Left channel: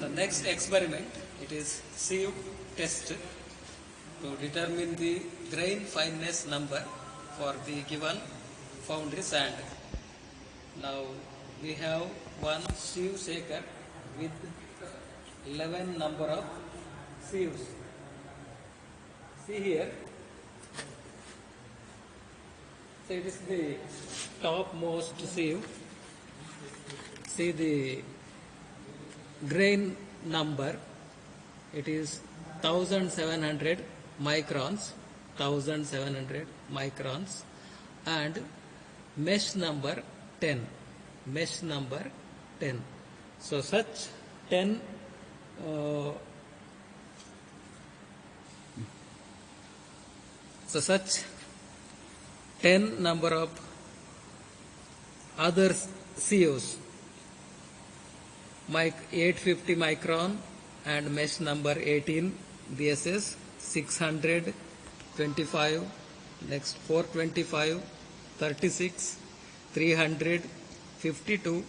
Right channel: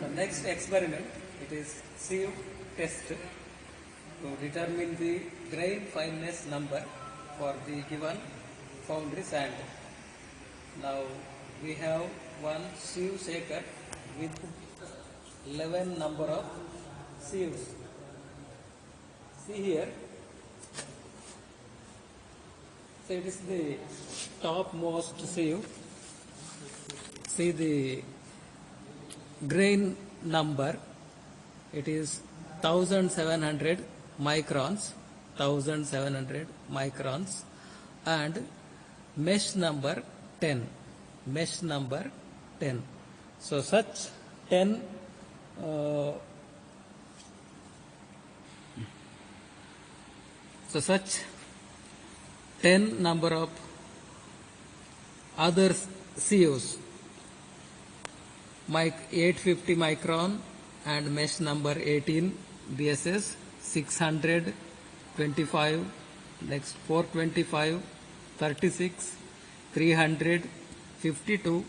So next experiment, it is sieve test to determine the grain fineness number for the given foundry sand. Now we have one sieve shaker with 11 number of sieves. See here, so it is the topmost sieve. See the grain number, it is 1700 microns, 1700 microns, and mesh number 10, mesh number 10. So such 10 number of other sieves, 850 micron and mesh number 18 BSS, 625, next 425, 36, 300, 52,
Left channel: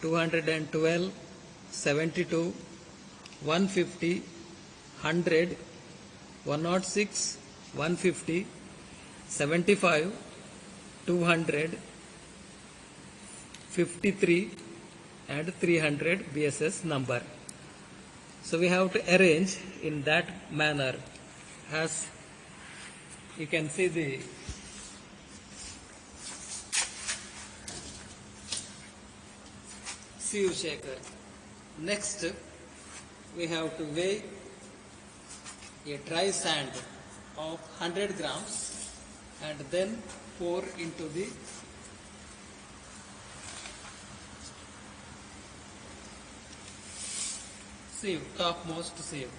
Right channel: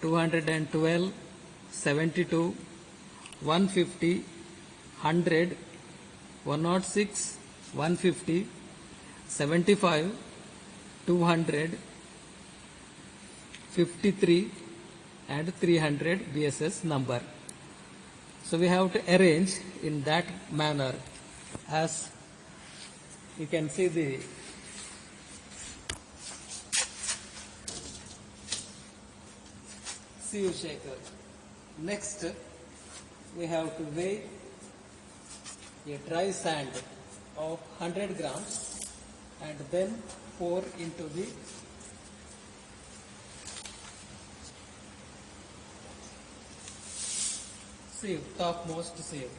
212, 72, 150, 100, 106, 150, 75, 200, 53 and 300 BSS number. So we have to arrange in that manner. As you can see the sieve shaker. Next we have to weigh a dry sand of 100 grams and then pour into the sieve, topmost sieve.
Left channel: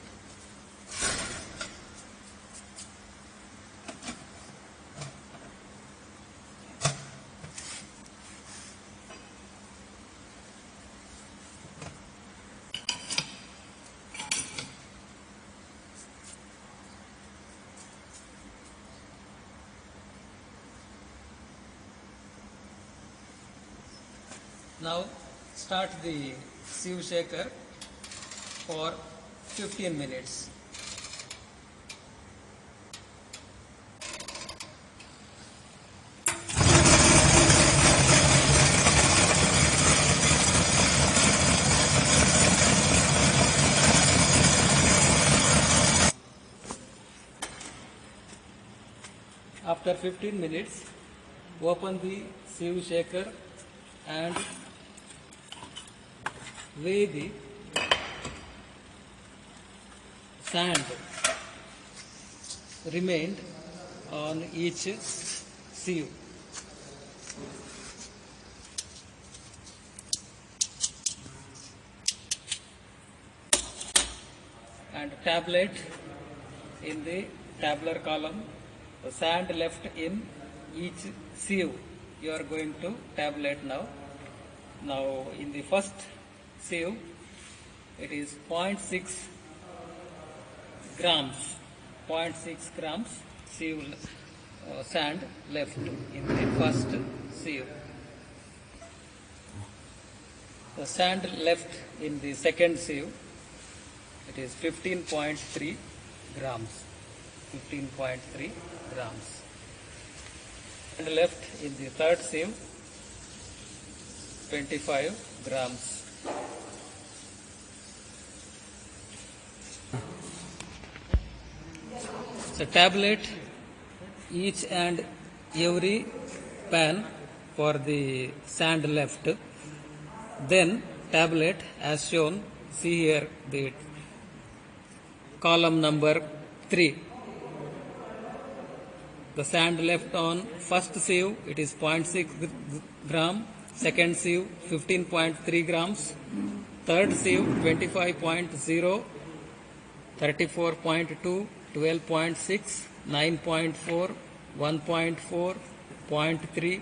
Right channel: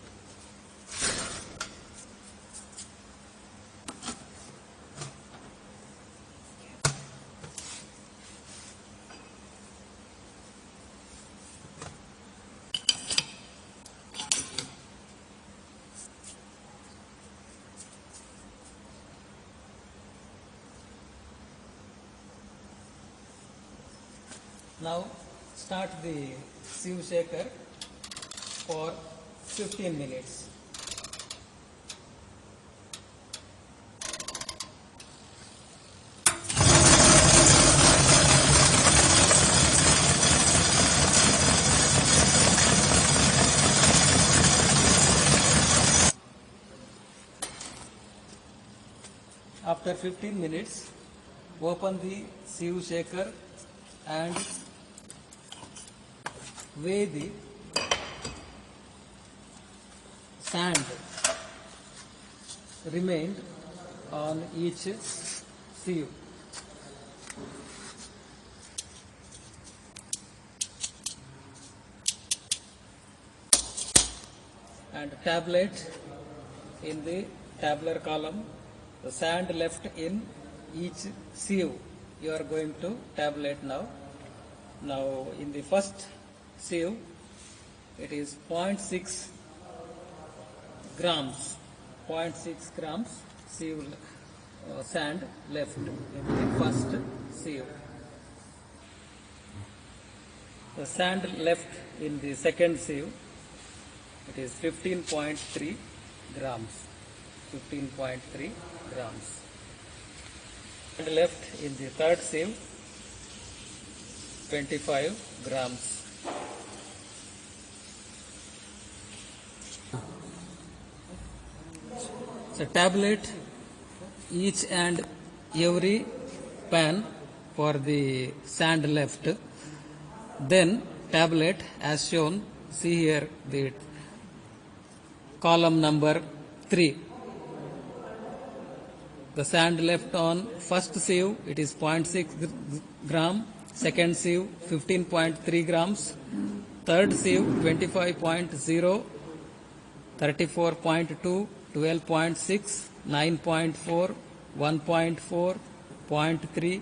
Now start the sieve shaker for 15 minutes. After 15 minutes, open the sieve shaker and weigh the sand remained on each sieve. And tabulate in the tabular column the sand left in each sieve. You are going to tabulate now. Now in the first sieve, it is 0.6 grams, 0.6 grams sieve sand left in the first sieve. The sand left in the second sieve, it is 15.3 grams, 15.3 grams. And left in the third sieve, 25 grams. So tabulate each and every pan for the sand left. Then tabulate as shown. See here the column number 3. The sand left on first sieve, it is 0.6 gram. Second sieve, 15.3 grams. Third sieve, 25.0, 34.2, 12.6, 9.4, 1.4, 0.3,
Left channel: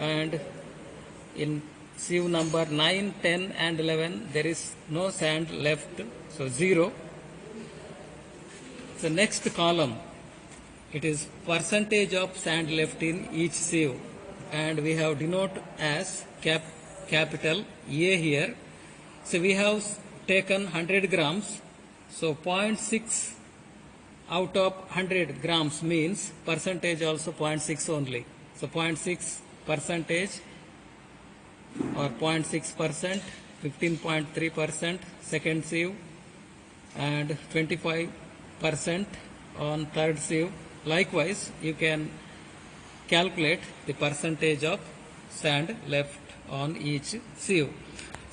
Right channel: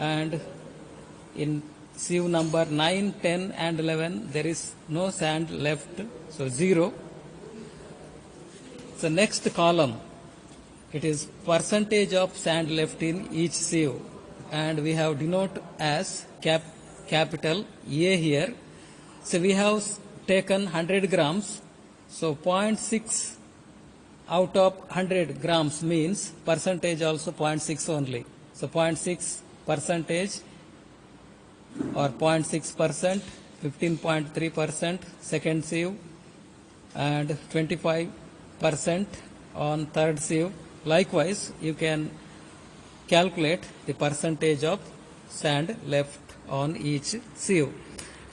and in sieve number 9, 10 and 11 there is no sand left, so 0. So next column, it is percentage of sand left in each sieve, and we have denote as capital A here. So we have taken 100 grams, so 0.6 out of 100 grams means percentage also 0.6 only. So 0.6 percentage or 0.6%, 15.3% second sieve, and 25% on third sieve. Likewise, you can calculate the percentage of sand left on each sieve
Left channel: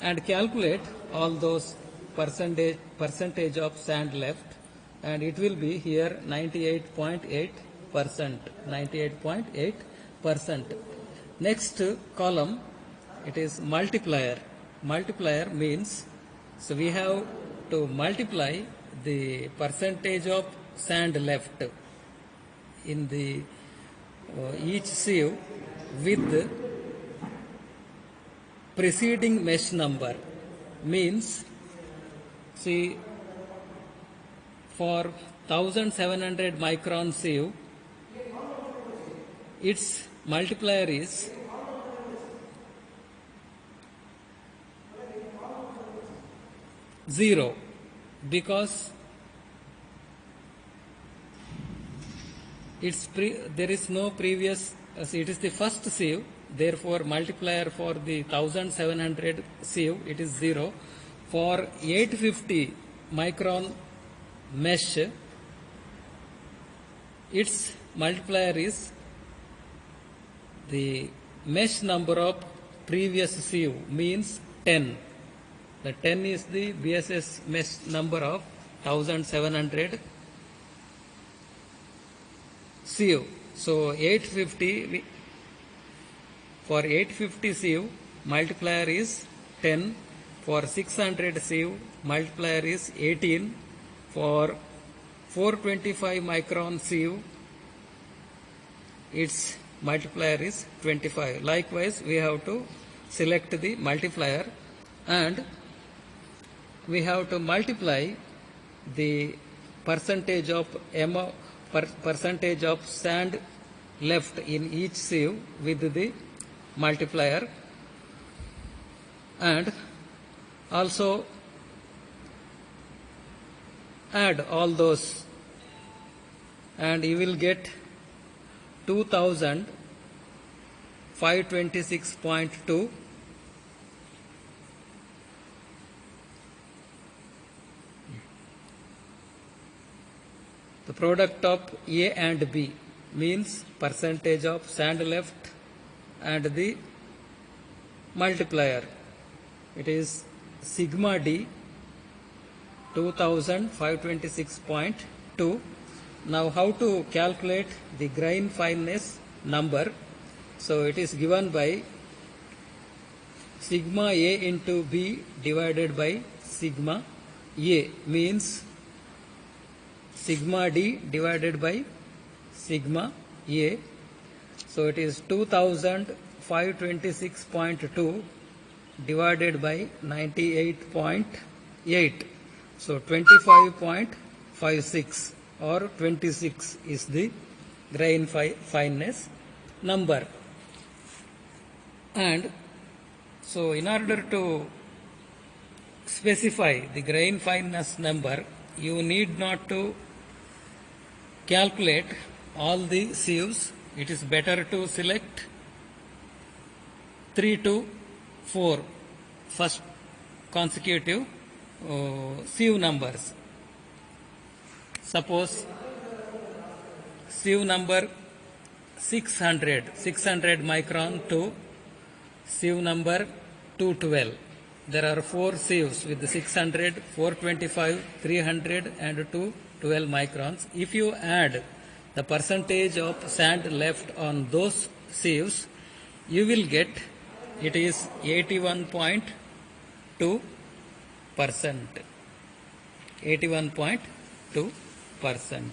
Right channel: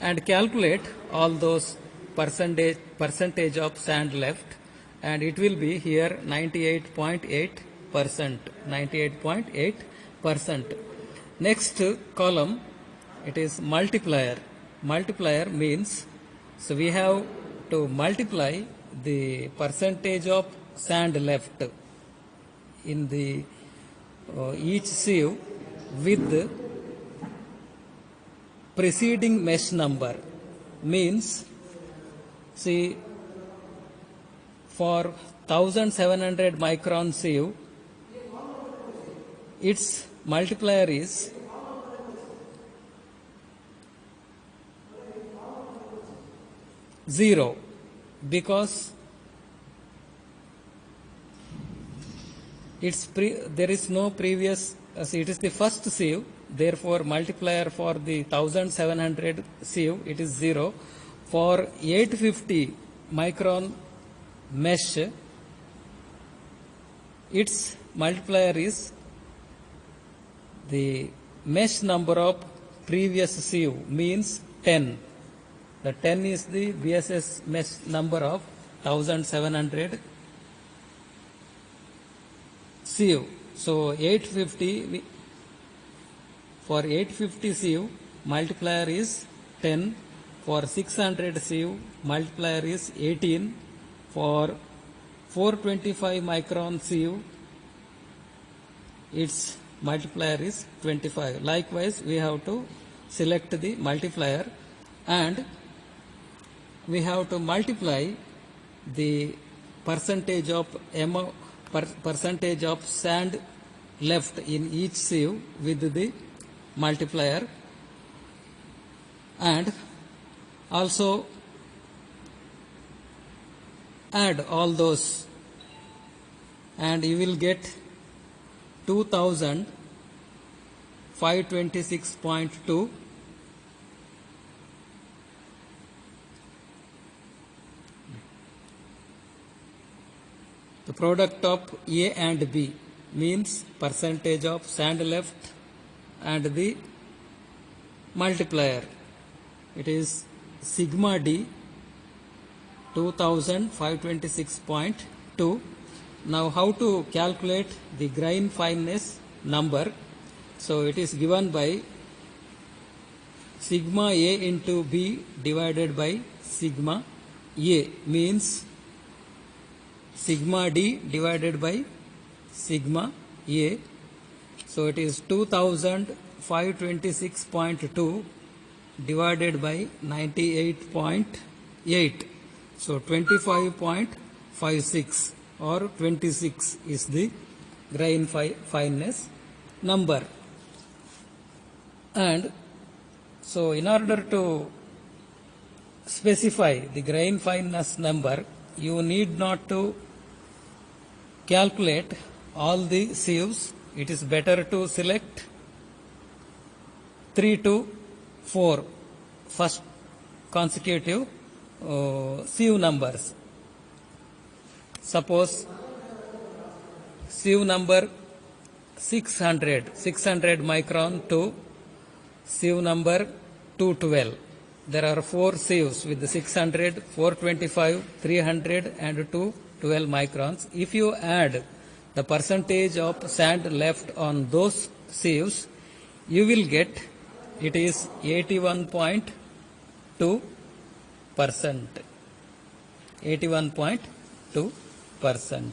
and calculate all those percentage of sand left, and it will be here 98.8%. 98.8%. Next column, it is multiplier. Multiplier means, so we have to multiply the percentage of sand left in the each sieve with preceding mesh number. Means, see, for 1700 micron sieve, its multiplier is 0 because there is no previous, it is the first sieve, therefore multiplier for the 1700 sieve it is 0. For 850 micron mesh, its multiplier is the mesh number of previous sieve, means 10. The 10 is the BSS mesh number of 1700 sieve. So 850, for 850 sieve multiplier is 10. For 600 sieve multiplier is 18. For 425 micron sieve its multiplier is 25. Likewise, we have to select the multiplier and we have to multiply the percentage of percentage of sand left in each sieve with the multiplier, and also add all those, and you will get 2526.2. The product of A and B means percentage of sand left and the multiplier. It is sigma D 2526.2. Now how to calculate the grain fineness number? So it is given by sigma A into B divided by sigma A, means sigma D divided by sigma A. So it is 2526.2 divided by 98.8. So 25.56 or 26 is the grain fineness number. And so in order to specify the grain fineness number, you need not to calculate all the sieves. It is better to select 3 to 4 first consecutive sieve numbers. Suppose sieve number 600 micron to sieve number 212. There are 4 sieves with 600, 425, 300 and 212 microns. If you add the percentage of sand left on those sieves, you will get it is 81.2%. 81.2%.